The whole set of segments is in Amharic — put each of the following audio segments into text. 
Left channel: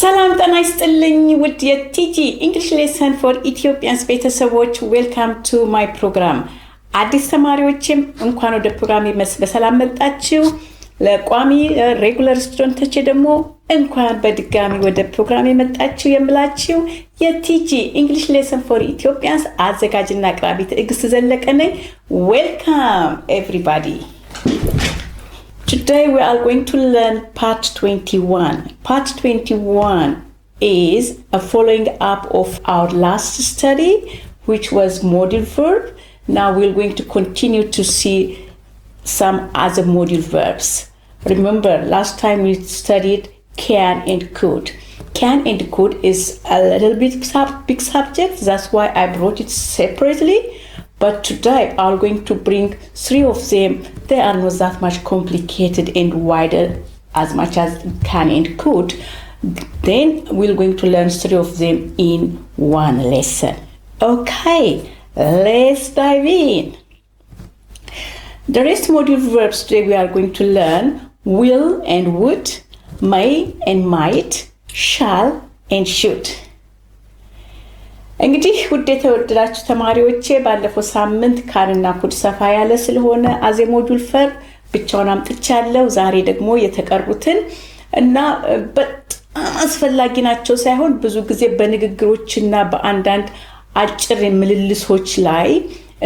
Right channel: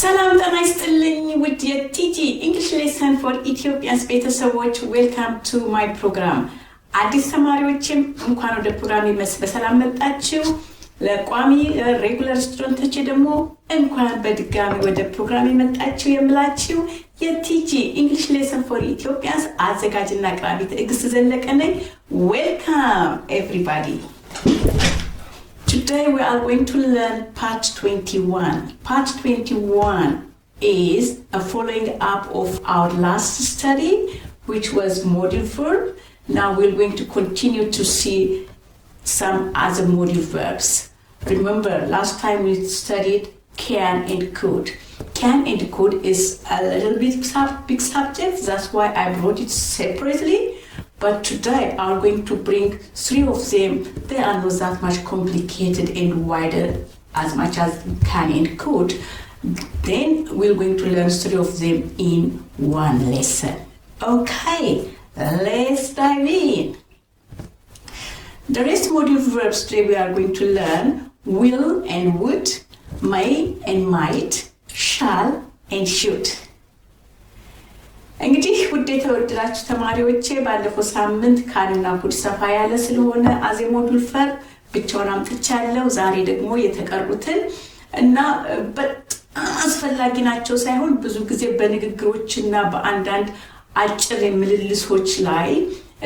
ሰላም ጤና ይስጥልኝ ውድ የቲጂ English lesson for Ethiopian ቤተሰቦች welcome to my program አዲስ ተማሪዎችም እንኳን ወደ ፕሮግራሜ በሰላም መጣችሁ ለቋሚ ሬጉላር ስቱደንቶች ደግሞ እንኳን በድጋሚ ወደ ፕሮግራሜ መጣችሁ የምላችሁ የቲጂ English lesson for Ethiopians አዘጋጅና አቅራቢ ትዕግስት ዘለቀ ነኝ welcome everybody. Today we are going to learn part 21. Part 21 is a following up of our last study, which was module verb. Now we're going to continue to see some other module verbs. Remember, last time we studied can and could. Can and could is a little bit big subject. That's why I brought it separately. But today I'm going to bring three of them. They are not that much complicated and wider as much as can and could. Then we're going to learn three of them in one lesson. Okay, let's dive in. The rest module verbs today we are going to learn will and would, may and might, shall and should. እንግዲህ ውድ የተወደዳችሁ ተማሪዎቼ ባለፈው ሳምንት ካንና ኩድ ሰፋ ያለ ስለሆነ አዜ ሞዱል ፈር ብቻውን አምጥቻለሁ ዛሬ ደግሞ የተቀሩትን እና በጣም አስፈላጊ ናቸው ሳይሆን ብዙ ጊዜ በንግግሮችና በአንዳንድ አጭር ምልልሶች ላይ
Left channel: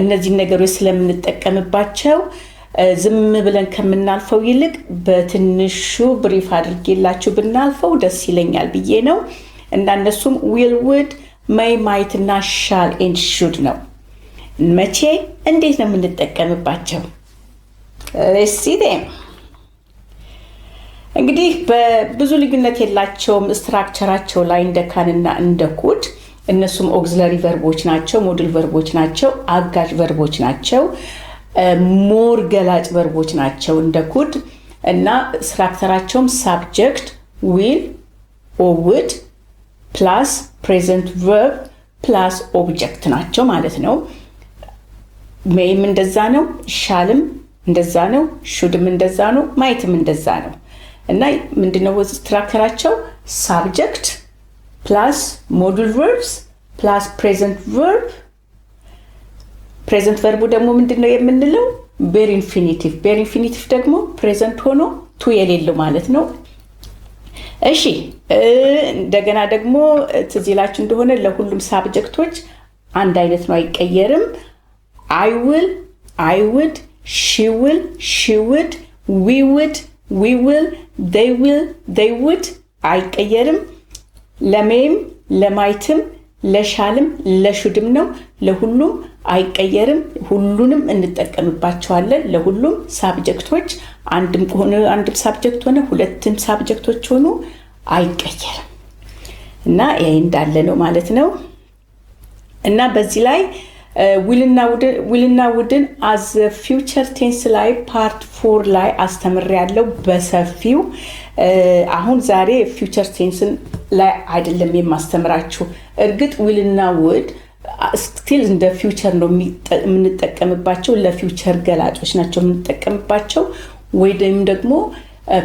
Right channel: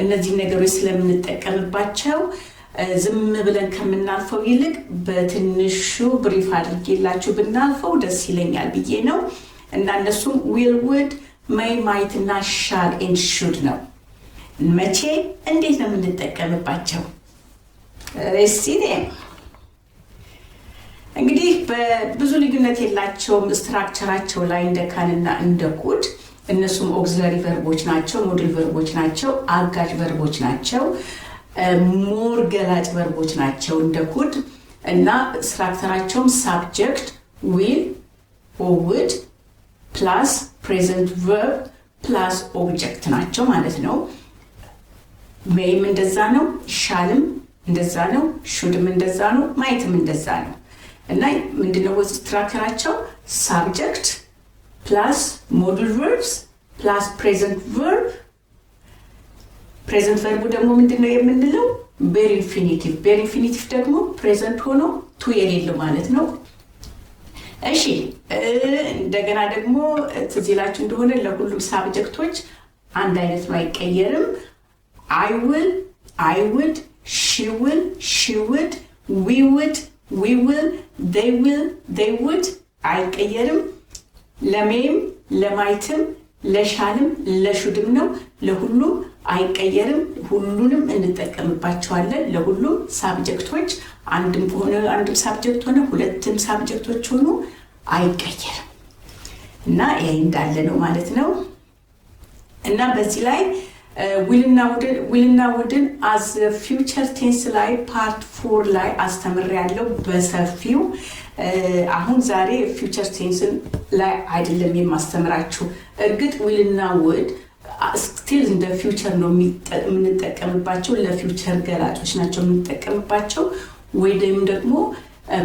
እነዚህ ነገሮች ስለምንጠቀምባቸው ዝም ብለን ከምናልፈው ይልቅ በትንሹ ብሪፍ አድርጌላችሁ ብናልፈው ደስ ይለኛል ብዬ ነው እና እነሱም will would may might እና shall and should ነው መቼ እንዴት ነው የምንጠቀምባቸው let's see them እንግዲህ በብዙ ልዩነት የላቸውም ስትራክቸራቸው ላይ እንደ ካንና እንደ ኩድ እነሱም auxiliary verbs ናቸው ሞዱል verbs ናቸው አጋዥ verbs ናቸው ሞር ገላጭ verbs ናቸው እንደ ኩድ እና ስትራክቸራቸውም subject will or would plus present verb plus object ናቸው ማለት ነው mayም እንደዛ ነው shallም እንደዛ ነው shouldም እንደዛ ነው mightም እንደዛ ነው እና ምንድነው ስትራክቸራቸው subject plus modal verbs plus present verb ደግሞ ምንድነው የምንለው bare infinitive ደግሞ present ሆኖ to የሌለው ማለት ነው እሺ እንደገና ደግሞ ትዚላችሁ እንደሆነ ለሁሉም ሳብጀክቶች አንድ አይነት ነው አይቀየርም I will I would she would we will they would አይቀየርም ለሜም ለማይትም ለሻልም ለሹድም ነው ለሁሉም አይቀየርም ሁሉንም እንጠቀምባቸዋለን ለሁሉም ሳብጀክቶች አንድም ሳብጀክት ሆነ ሁለትም ሳብጀክቶች ሆኑ አይቀየርም እና ይሄ እንዳለ ነው ማለት ነው እና በዚህ ላይ willና wouldን as future tense ላይ part 4 ላይ አስተምሬያለሁ በሰፊው አሁን ዛሬ future tense ላይ አይደለም የማስተምራችሁ እርግጥ willና would still in the future ነው የምንጠቀምባቸው ለፊውቸር ገላጮች ናቸው የምንጠቀምባቸው ወይም ደግሞ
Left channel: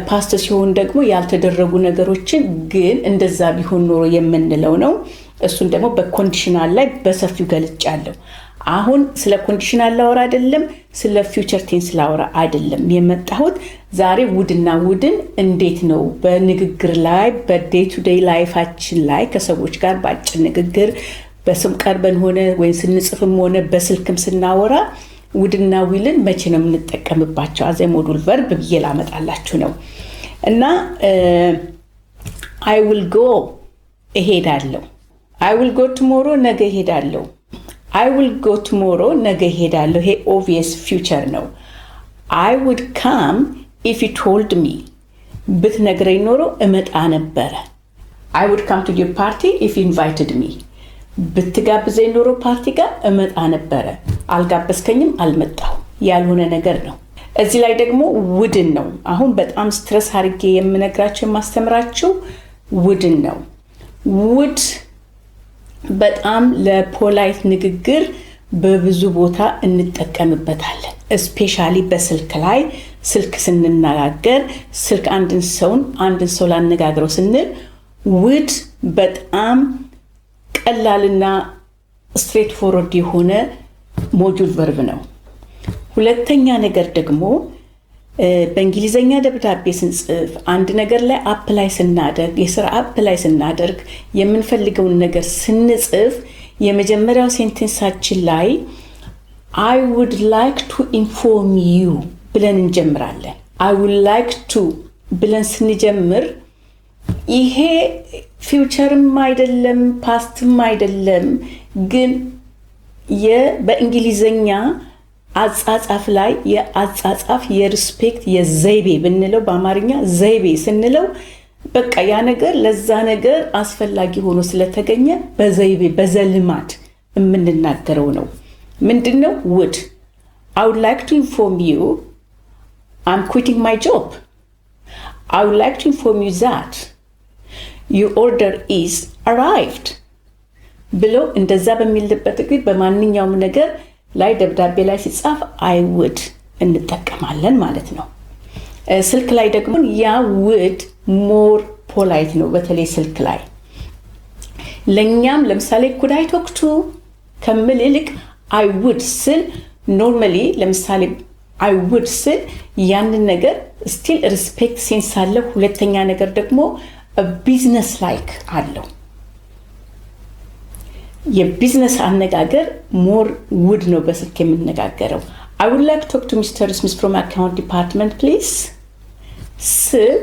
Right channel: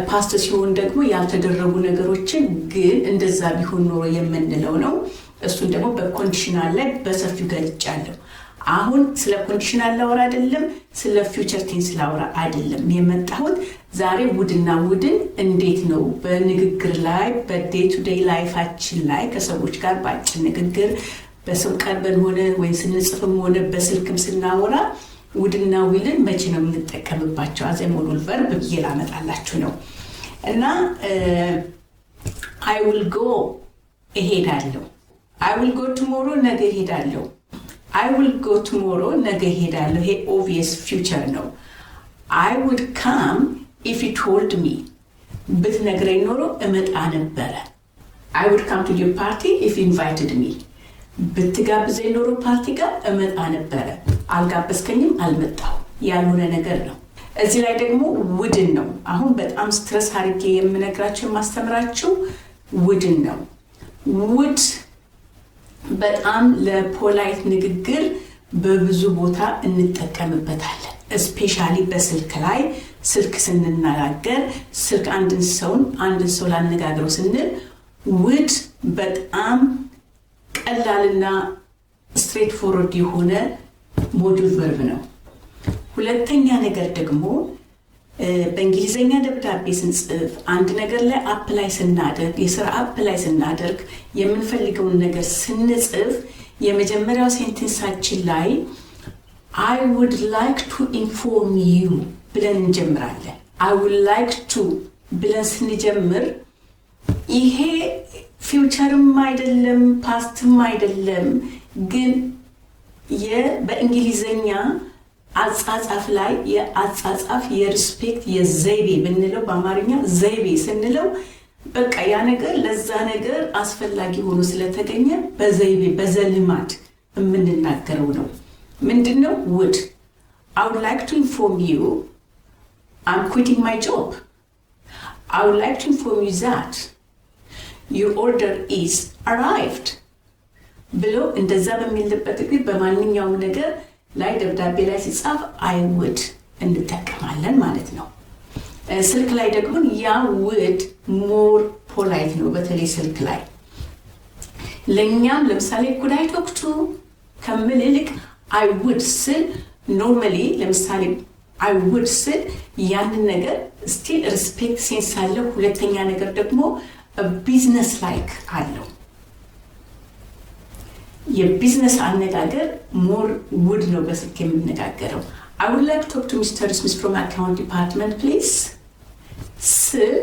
ፓስት ሲሆን ደግሞ ያልተደረጉ ነገሮችን ግን እንደዛ ቢሆን ኖሮ የምንለው ነው እሱን ደግሞ በኮንዲሽናል ላይ በሰፊው ገልጫለሁ አሁን ስለ ኮንዲሽናል ላወራ አይደለም ስለ ፊውቸር ቴንስ ላወራ አይደለም የመጣሁት ዛሬ ውድና ውድን እንዴት ነው በንግግር ላይ በዴይ ቱ ዴይ ላይፋችን ላይ ከሰዎች ጋር ባጭር ንግግር በስም ቀርበን ሆነ ወይ ስንጽፍም ሆነ በስልክም ስናወራ ውድና ዊልን መቼ ነው የምንጠቀምባቸው አዘ ሞዱል verb ይላመጣላችሁ ነው እና I will go እሄዳለሁ I will go tomorrow ነገ እሄዳለሁ I will go tomorrow ነገ እሄዳለሁ ይሄ obvious future ነው I would come if you told me ብትነግረኝ ኖሮ እመጣ ነበር I would come to your party if you invited me ብትጋብዘኝ ኖሮ ፓርቲ ጋር እመጣ ነበር አልጋበስከኝም አልመጣው ያልሆነ ነገር ነው እዚህ ላይ ደግሞ ውድን ነው አሁን በጣም ስትረስ አድርጌ የምነግራችሁ ማስተምራችሁ ውድን ነው ውድ በጣም ለፖላይት ንግግር በብዙ ቦታ እንጠቀምበታለን ስፔሻሊ በስልክ ላይ ስልክ ስንናገር ስልክ አንድን ሰው ላነጋግረው ስንል would በጣም ቀላልና ስትሬት ፎርወርድ የሆነ ሞጁል ቨርብ ነው። ሁለተኛ ነገር ደግሞ በእንግሊዘኛ ደብዳቤ ስንጽፍ አንድ ነገር ላይ አፕላይ ስናደርግ የሥራ አፕላይ ስናደርግ የምንፈልገውን ነገር ስንጽፍ የመጀመሪያው ሴንቴንሳችን ላይ I would like to inform you ብለን እንጀምራለን። I would like to ብለን ስንጀምር ይሄ ፊውቸርም አይደለም ፓስትም አይደለም፣ ግን በእንግሊዘኛ አጻጻፍ ላይ የአጻጻፍ የሪስፔክት የዘይቤ ብንለው በአማርኛ ዘይቤ ስንለው በቃ ያ ነገር ለዛ ነገር አስፈላጊ ሆኖ ስለተገኘ በዘይቤ በዘልማድ የምንናገረው ነው። ምንድነው? would I would like to inform you I'm quitting my job. I would like to inform you that your order is arrived ብሎ እንደዛ በሚልበት ጊዜ በማንኛውም ነገር ላይ ደብዳቤ ላይ ሲጻፍ I would እንጠቀማለን ማለት ነው። ስልክ ላይ ደግሞ ያ would more polite ነው። በተለይ ስልክ ላይ ለኛም ለምሳሌ could I talk to ከምል ይልቅ I would ስል ኖርማሊ ለምሳሌ I would ስል ያንን ነገር ስቲል ሪስፔክት ሴንስ አለው። ሁለተኛ ነገር ደግሞ ቢዝነስ ላይክ አለው። የቢዝነስ አነጋገር ሞር ውድ ነው በስልክ የምንነጋገረው። I would like to talk to Mr. Smith from account department please ስል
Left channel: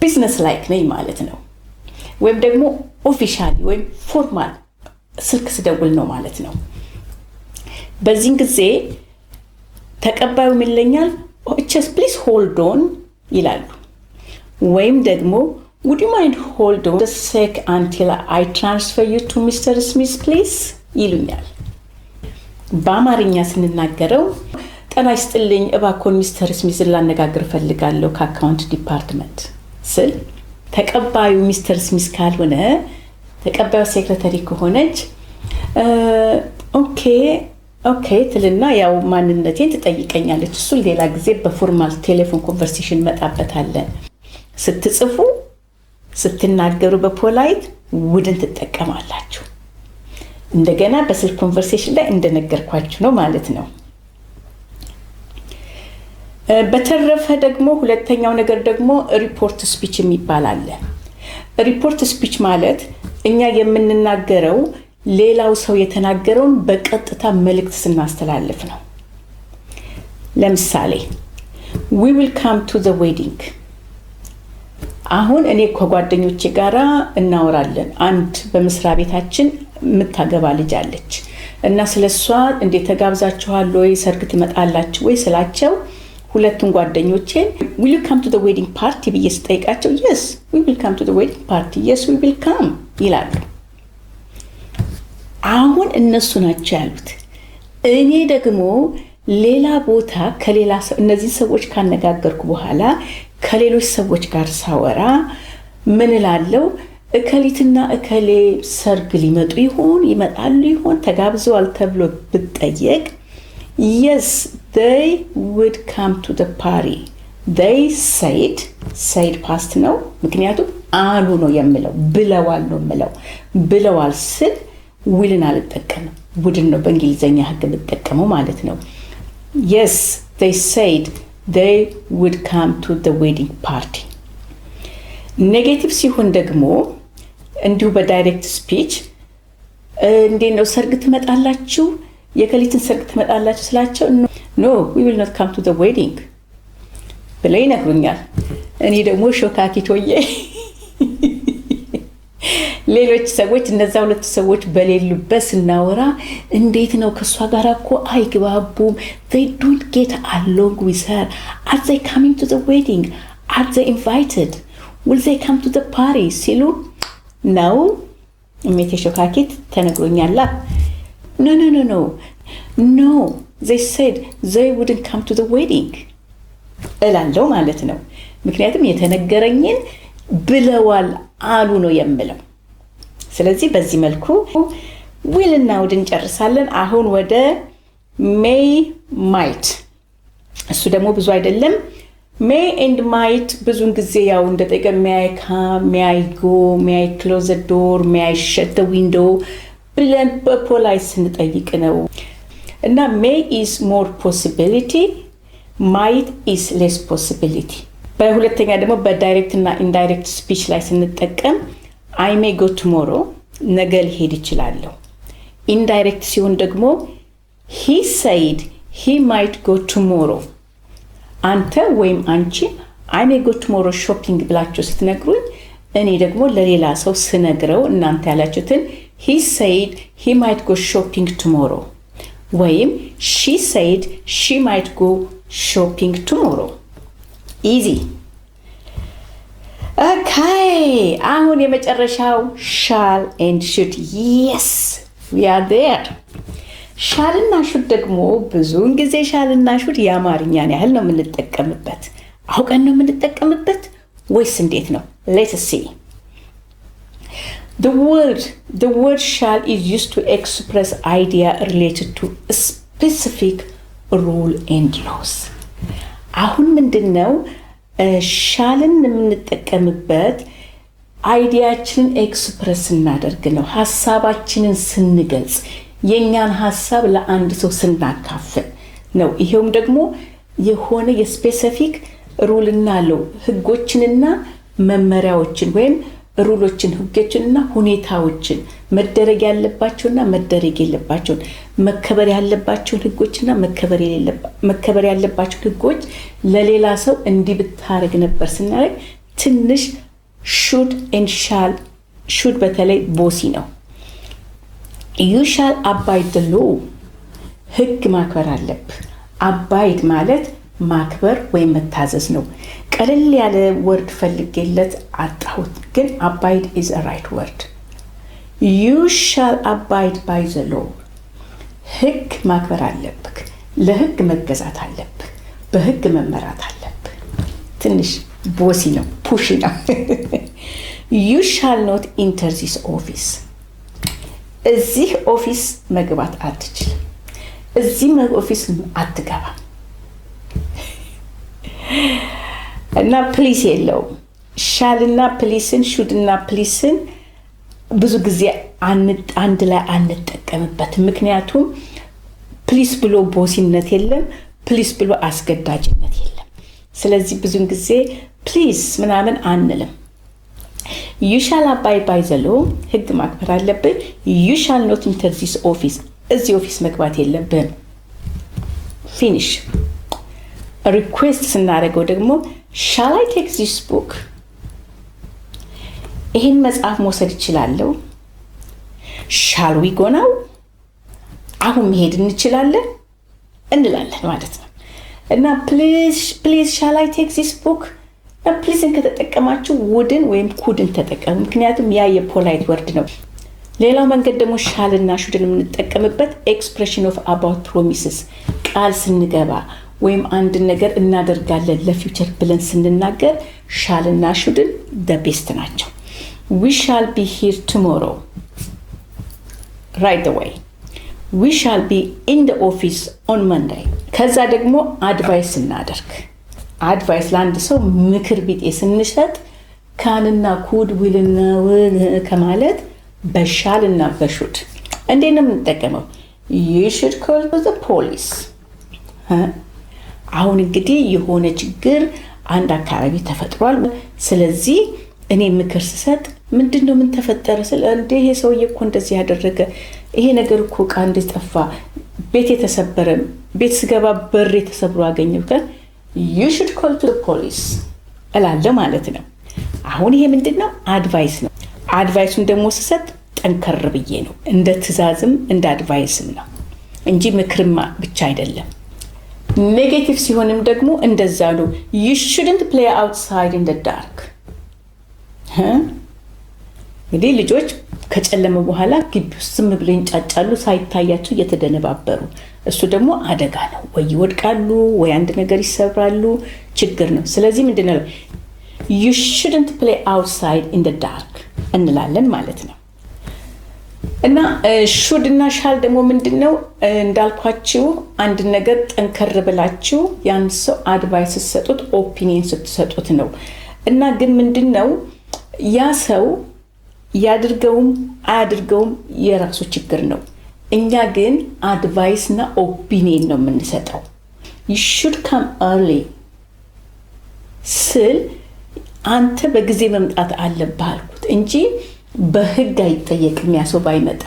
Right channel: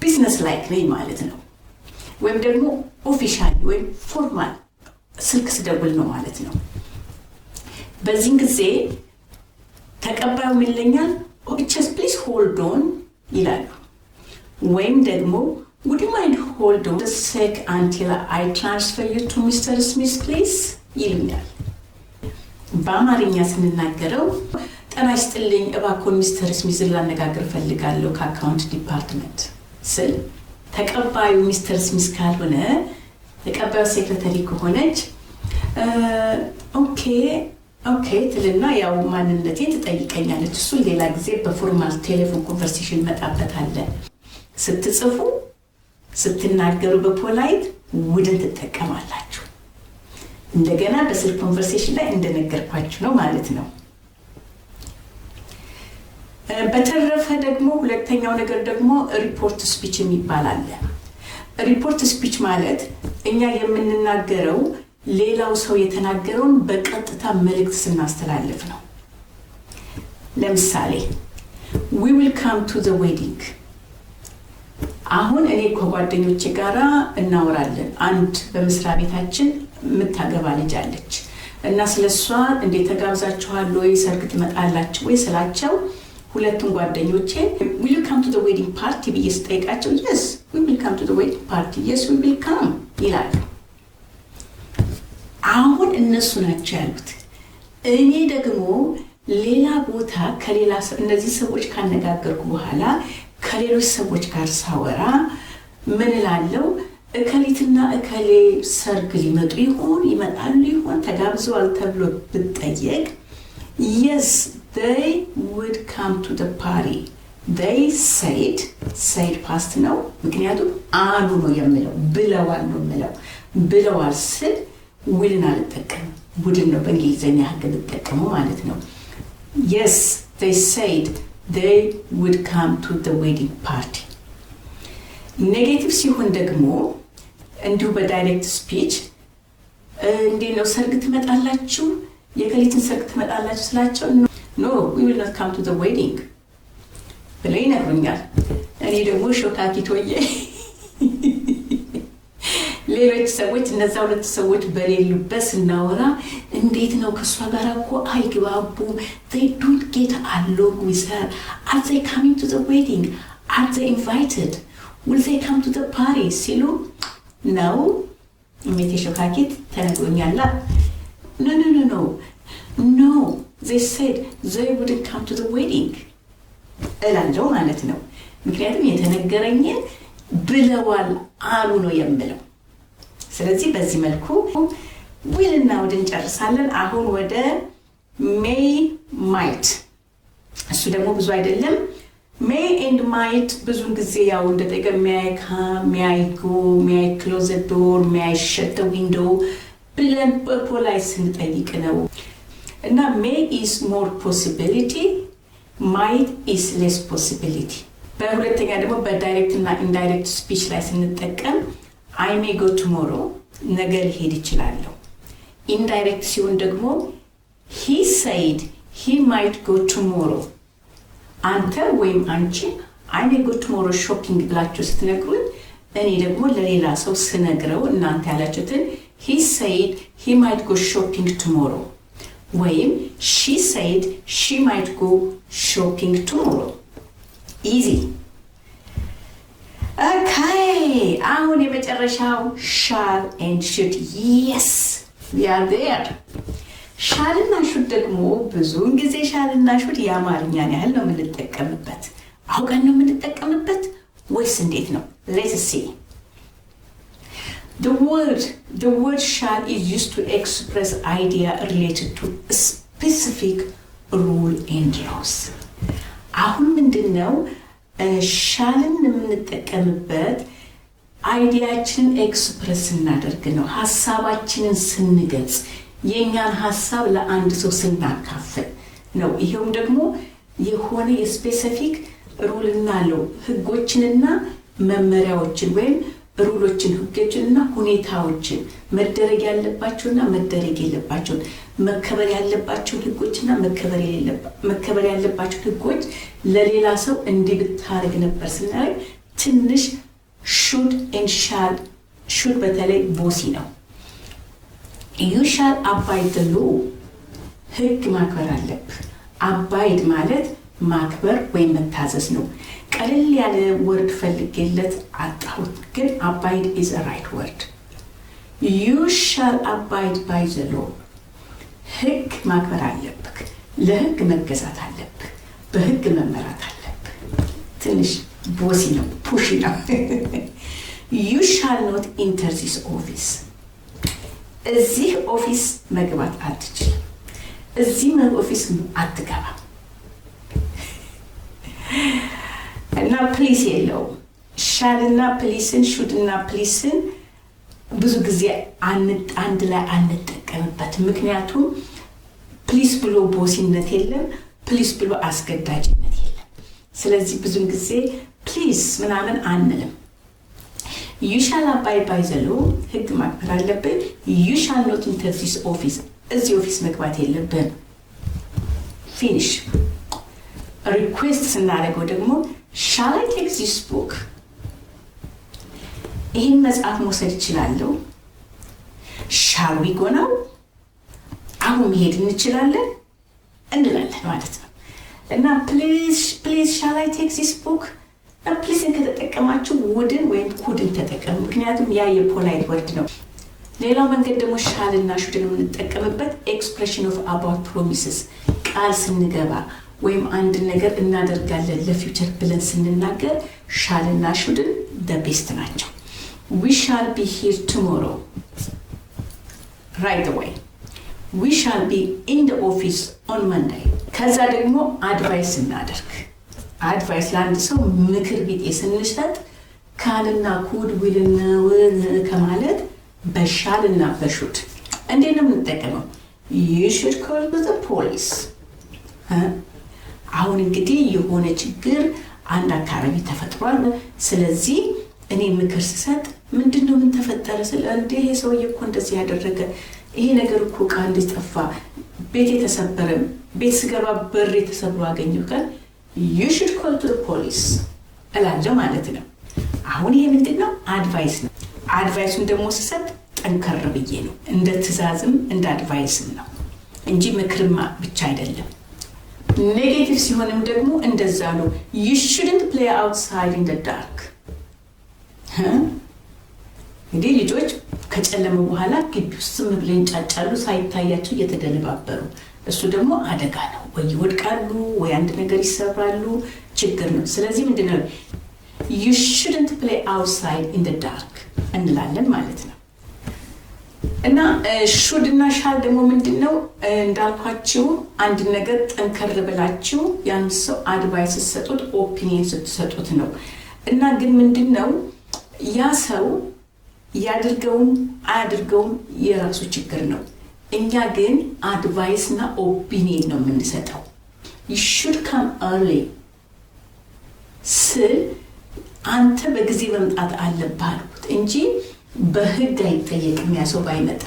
ቢዝነስ ላይክ ነኝ ማለት ነው። ወይም ደግሞ ኦፊሻሊ ወይም ፎርማል ስልክ ስደውል ነው ማለት ነው። በዚህ ጊዜ ተቀባዩ ይለኛል just please hold on ይላሉ። ወይም ደግሞ would you mind hold on a sec until I transfer you to Mr. Smith please ይሉኛል። በአማርኛ ስንናገረው ጤና ይስጥልኝ እባክዎን ሚስተር ስሚዝ ላነጋግር ፈልጋለሁ ከአካውንት ዲፓርትመንት ስል ተቀባዩ ሚስተር ስሚዝ ካልሆነ ተቀባዩ ሴክሬታሪ ከሆነች ኦኬ ትልና ያው ማንነቴን ትጠይቀኛለች። እሱ ሌላ ጊዜ በፎርማል ቴሌፎን ኮንቨርሴሽን መጣበታለን። ስትጽፉ ስትናገሩ በፖላይት ውድን ትጠቀማላችሁ። እንደገና በስልክ ኮንቨርሴሽን ላይ እንደነገርኳችሁ ነው ማለት ነው። በተረፈ ደግሞ ሁለተኛው ነገር ደግሞ ሪፖርት ስፒች የሚባል አለ። ሪፖርት ስፒች ማለት እኛ የምንናገረው ሌላው ሰው የተናገረውን በቀጥታ መልእክት ስናስተላልፍ ነው። ለምሳሌ we will come to the wedding አሁን እኔ ከጓደኞቼ ጋራ እናወራለን። አንድ በመስሪያ ቤታችን የምታገባ ልጅ አለች እና ስለሷ እንዴት ተጋብዛችኋል ወይ ሰርግ ትመጣላችሁ ወይ ስላቸው ሁለቱም ጓደኞቼ will you come to the wedding party ብዬ ስጠይቃቸው yes we will come to the wedding party yes we will come ይላሉ። አሁን እነሱ ናቸው ያሉት። እኔ ደግሞ ሌላ ቦታ ከሌላ እነዚህ ሰዎች ካነጋገርኩ በኋላ ከሌሎች ሰዎች ጋር ሳወራ ምን እላለሁ? እከሊትና እከሌ ሰርግ ሊመጡ ይሆን ይመጣሉ ይሆን ተጋብዘዋል ተብሎ ብጠየቅ yes they would come to the party they said past ነው። ምክንያቱም አሉ ነው የምለው ብለዋል ነው የምለው። ብለዋል ስል ውልን አልጠቀምም። ቡድን ነው በእንግሊዘኛ ህግ የምጠቀመው ማለት ነው። yes they said they would come to the wedding party። ኔጌቲቭ ሲሆን ደግሞ እንዲሁ በዳይሬክት ስፒች እንዴት ነው ሰርግ ትመጣላችሁ የከሊትን ሰርግ ትመጣላችሁ ስላቸው no we will not come to the wedding ብለው ይነግሩኛል። እኔ ደግሞ ሾካኪቶዬ ሌሎች ሰዎች እነዛ ሁለት ሰዎች በሌሉበት ስናወራ እንዴት ነው ከሷ ጋር እኮ አይግባቡም they don't get along with her are they coming to the wedding are they invited will they come to the party ሲሉ ነው እሜቴ ሾካኪት ተነግሮኛል። no they said they wouldn't come to the wedding እላለሁ ማለት ነው። ምክንያቱም የተነገረኝን ብለዋል አሉ ነው የምለው። ስለዚህ በዚህ መልኩ will እና would እንጨርሳለን። አሁን ወደ may might እሱ ደግሞ ብዙ አይደለም may and might ብዙን ጊዜ ያው እንደጠቀም may I come, may I go, may I close the door, may I shut the window ብለን በፖላይት ስንጠይቅ ነው። እና may is more possibility, might is less possibility። በሁለተኛ ደግሞ በዳይሬክት እና ኢንዳይሬክት ስፒች ላይ ስንጠቀም I may go tomorrow ነገ ሊሄድ ይችላለሁ። ኢንዳይሬክት ሲሆን ደግሞ he said he might go tomorrow። አንተ ወይም አንቺ I may go tomorrow shopping ብላችሁ ስትነግሩኝ እኔ ደግሞ ለሌላ ሰው ስነግረው እናንተ ያላችሁትን he said he might go shopping tomorrow ወይም she said she might go shopping tomorrow። easy okay አሁን የመጨረሻው shall and should yes we are there። shall እና should ደግሞ ብዙውን ጊዜ shall እና should የአማርኛን ያህል ነው የምንጠቀምበት። አውቀን ነው የምንጠቀምበት ወይስ እንዴት ነው? let's see the word shall is used to express idea related to a specific rule and laws። አሁን ምንድነው ሻልን የምንጠቀምበት አይዲያችንን ኤክስፕረስ እናደርግ ነው። ሐሳባችንን ስንገልጽ የኛን ሐሳብ ለአንድ ሰው ስናካፍል ነው። ይሄውም ደግሞ የሆነ የስፔሲፊክ ሩልና ለው ህጎችንና መመሪያዎችን ወይም ሩሎችን ህጎችንና ሁኔታዎችን መደረግ ያለባቸውና መደረግ የሌለባቸውን መከበር ያለባቸውን ህጎችና መከበር ያለባቸው ህጎች ለሌላ ሰው እንዲህ ብታረግ ነበር ስናረግ ትንሽ should and shall should በተለይ ቦሲ ነው። you shall abide the law ህግ ማክበር አለብህ። abide ማለት ማክበር ወይም መታዘዝ ነው። ቀለል ያለ ወርድ ፈልጌለት አጣሁት ግን abide is a right word። you shall abide by the law ህግ ማክበር አለብህ። ለህግ መገዛት አለብህ። በህግ መመራት አለብህ። ትንሽ ቦሲ ነው ፑሽ ነው። you shall not enter this office እዚህ ኦፊስ መግባት አትችልም። እዚህ ኦፊስ አትገባም። እና ፕሊስ የለውም። ሻል እና ፕሊስን ሹድ እና ፕሊስን ብዙ ጊዜ አንድ ላይ አንጠቀምበት። ምክንያቱም ፕሊስ ብሎ ቦሲነት የለም፣ ፕሊስ ብሎ አስገዳጅነት የለም። ስለዚህ ብዙን ጊዜ ፕሊስ ምናምን አንልም። you shall abide by the law ህግ ማክበር አለብህ። you shall not enter this office እዚህ ኦፊስ መግባት የለብህም። ፊኒሽ። ሪኩዌስት ስናደርገው ደግሞ shall I take this book ይህን መጽሐፍ መውሰድ ይችላለሁ። shall we go now አሁን መሄድ እንችላለን እንላለን ማለት ነው። እና please shall I take this book ፕሊዝን ከተጠቀማችሁ ውድን ወይም ኩድን ተጠቀሙ። ምክንያቱም ያ የፖላይት ወርድ ነው። ሌላው መንገድ ደግሞ ሻል እና ሹድን የምንጠቀምበት ኤክስፕሬሽን ኦፍ አባውት ፕሮሚስስ ቃል ስንገባ ወይም አንድ ነገር እናደርጋለን ለፊውቸር ብለን ስንናገር ሻል እና ሹድን the best ናቸው። we shall be here tomorrow right away we shall be in the office on Monday። ከዛ ደግሞ አድቫይስ እናደርግ አድቫይስ ለአንድ ሰው ምክር ቢጤ ስንሰጥ ካንና ኩድ ዊልና ከማለት በሻልና በሹድ እንዴት ነው የምንጠቀመው? you should call the police። አሁን እንግዲህ የሆነ ችግር አንድ አካባቢ ተፈጥሯል። ስለዚህ እኔ ምክር ስሰጥ ምንድነው ምን ተፈጠረ ስለ እንዴ ይሄ ሰውዬ እኮ እንደዚህ ያደረገ ይሄ ነገር እኮ ቃል እንደጠፋ ቤት የተሰበረ ቤት ስገባ በር የተሰብሮ አገኘው ካል you should call the police እላለሁ ማለት ነው። አሁን ይሄ ምንድነው? አድቫይስ ነው። አድቫይሱን ደግሞ ስሰጥ ጠንከር ብዬ ነው። እንደ ትዕዛዝም እንደ አድቫይስም ነው እንጂ ምክርማ ብቻ አይደለም። ኔጌቲቭ ሲሆንም ደግሞ እንደዛ ነው። you shouldn't play outside in the dark። እንግዲህ ልጆች ከጨለመ በኋላ ግቢ ውስጥ ዝም ብለው ይንጫጫሉ ሳይታያቸው እየተደነባበሩ እሱ ደግሞ አደጋ ነው። ወይ ይወድቃሉ ወይ አንድ ነገር ይሰብራሉ፣ ችግር ነው። ስለዚህ ምንድነው you shouldn't play outside in the dark እንላለን ማለት ነው። እና should እና shall ደግሞ ምንድነው እንዳልኳችሁ አንድ ነገር ጠንከር ብላችሁ ያን ሰው አድቫይስ ስትሰጡት ኦፒኒየን ስትሰጡት ነው እና ግን ምንድነው ያ ሰው ያድርገውም አያድርገውም የራሱ ችግር ነው እኛ ግን አድቫይስ እና ኦፒኒየን ነው የምንሰጠው you should come early ስል አንተ በጊዜ መምጣት አለብህ አልኩት እንጂ በህግ አይጠየቅም ያሰው ባይመጣ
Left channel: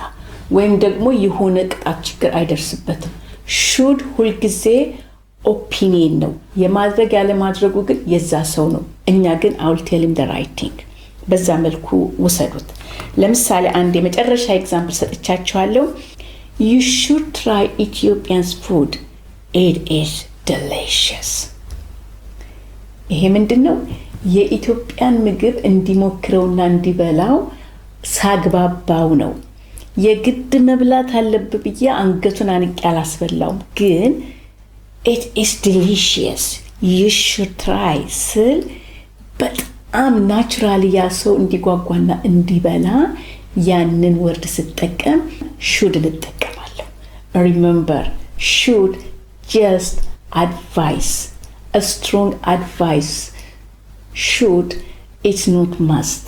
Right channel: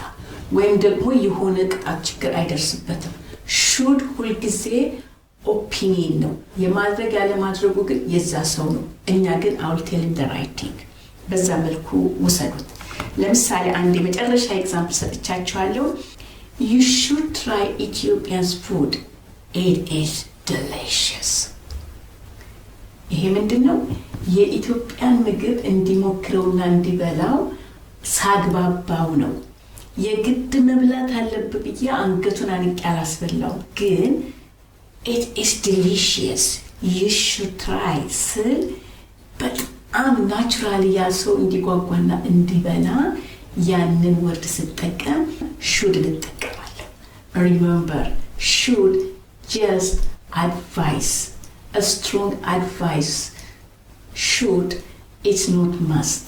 ወይም ደግሞ የሆነ ቅጣት ችግር አይደርስበትም should ሁሉ ጊዜ ኦፒኒየን ነው የማድረግ ያለ ማድረጉ ግን የዛ ሰው ነው እኛ ግን I will tell him the right thing በዛ መልኩ ወሰዱት ለምሳሌ አንድ የመጨረሻ ኤግዛምፕል ሰጥቻችኋለሁ you should try Ethiopian's food it is delicious ይሄ ምንድነው የኢትዮጵያን ምግብ እንዲሞክረውና እንዲበላው ሳግባባው ነው የግድ መብላት አለበት ብዬ አንገቱን አንቄ አላስበላው ግን it is delicious you should try ስል በጣም ናቹራሊ ያ ሰው እንዲጓጓና እንዲበላ ያንን ወርድ ስትጠቀም should ልጠቀማለሁ remember should just advice a strong advice should it's not must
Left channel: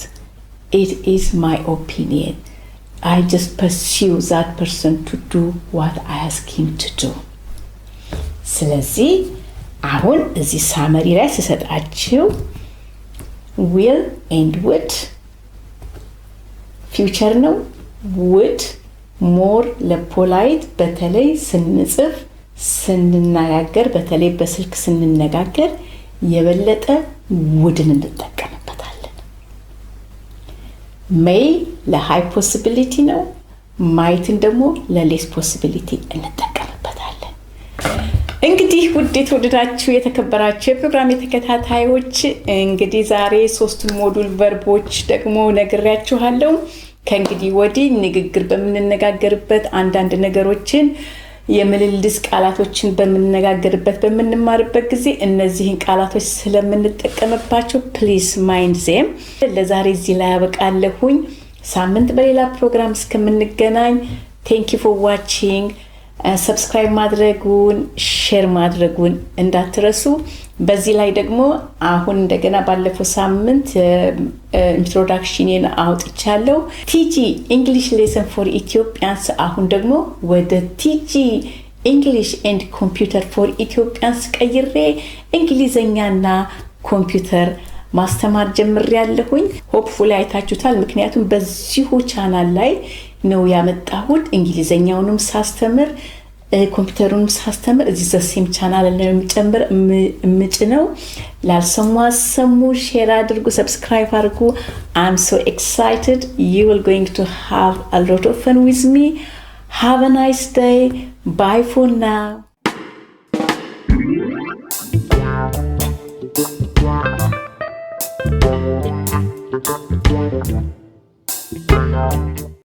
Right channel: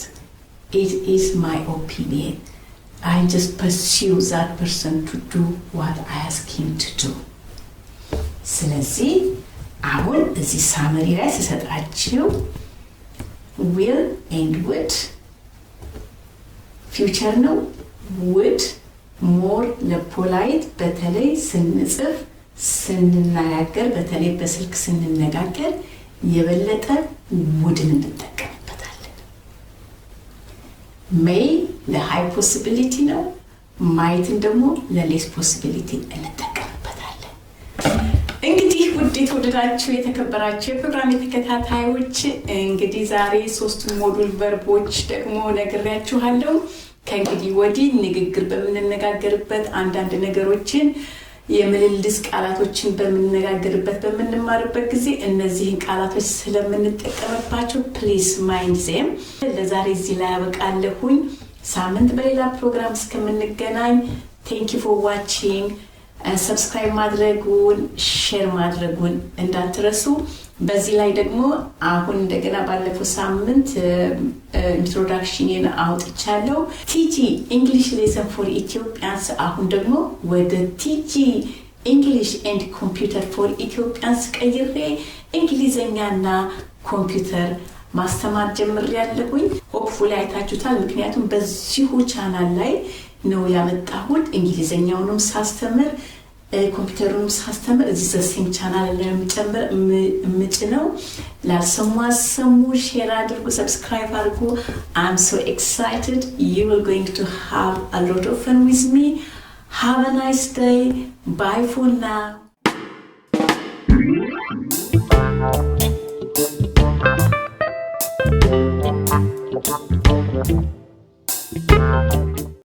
it is my opinion I just pursue that person to do what I ask him to do ስለዚህ አሁን እዚህ ሳመሪ ላይ ተሰጣችሁ will and would future ነው would more ለፖላይት በተለይ ስንጽፍ ስንነጋገር በተለይ በስልክ ስንነጋገር የበለጠ ውድን እንጠቀምበታለን may ለሃይ ፖሲቢሊቲ ነው ማይትን ደግሞ ለሌስ ፖሲቢሊቲ እንጠቀምበታለን እንግዲህ ውድ የተወደዳችሁ የተከበራችሁ የፕሮግራም ተከታታዮች እንግዲህ ዛሬ 3 ሞዱል ቨርቦች ደግሞ ነግሬያችኋለሁ ከእንግዲህ ወዲህ ንግግር በመነጋገርበት አንዳንድ ነገሮችን የምልልስ ቃላቶችን በመነጋገርበት በመንማርበት ጊዜ እነዚህን ቃላቶች ስለምንጠቀምባቸው please mind them ለዛሬ እዚህ ላይ አበቃለሁኝ ሳምንት በሌላ ፕሮግራም እስከምንገናኝ thank you for watching subscribe ማድረጉን share ማድረጉን እንዳትረሱ በዚህ ላይ ደግሞ አሁን እንደገና ባለፈው ሳምንት ኢንትሮዳክሽንን አውጥቻለሁ TG English lesson for Ethiopians አሁን ደግሞ ወደ TG English and computer for Ethiopians ቀይሬ እንግሊዘኛና ኮምፒውተር ማስተማር ጀምሬያለሁኝ ሆፕፉሊ አይታችሁታል ምክንያቱም በዚሁ ቻናል ላይ ነው ያመጣሁት እንግሊዘኛውንም ሳስተምር ኮምፒውተሩንም ሳስተምር እዚህ ዘሴም ቻናል ላይ የምጨምር ምጭነው ላልሰሙ አሰሙ ሼር አድርጉ ሰብስክራይብ አድርጉ I'm so excited you will going to have a lot of fun with me have a nice day bye for now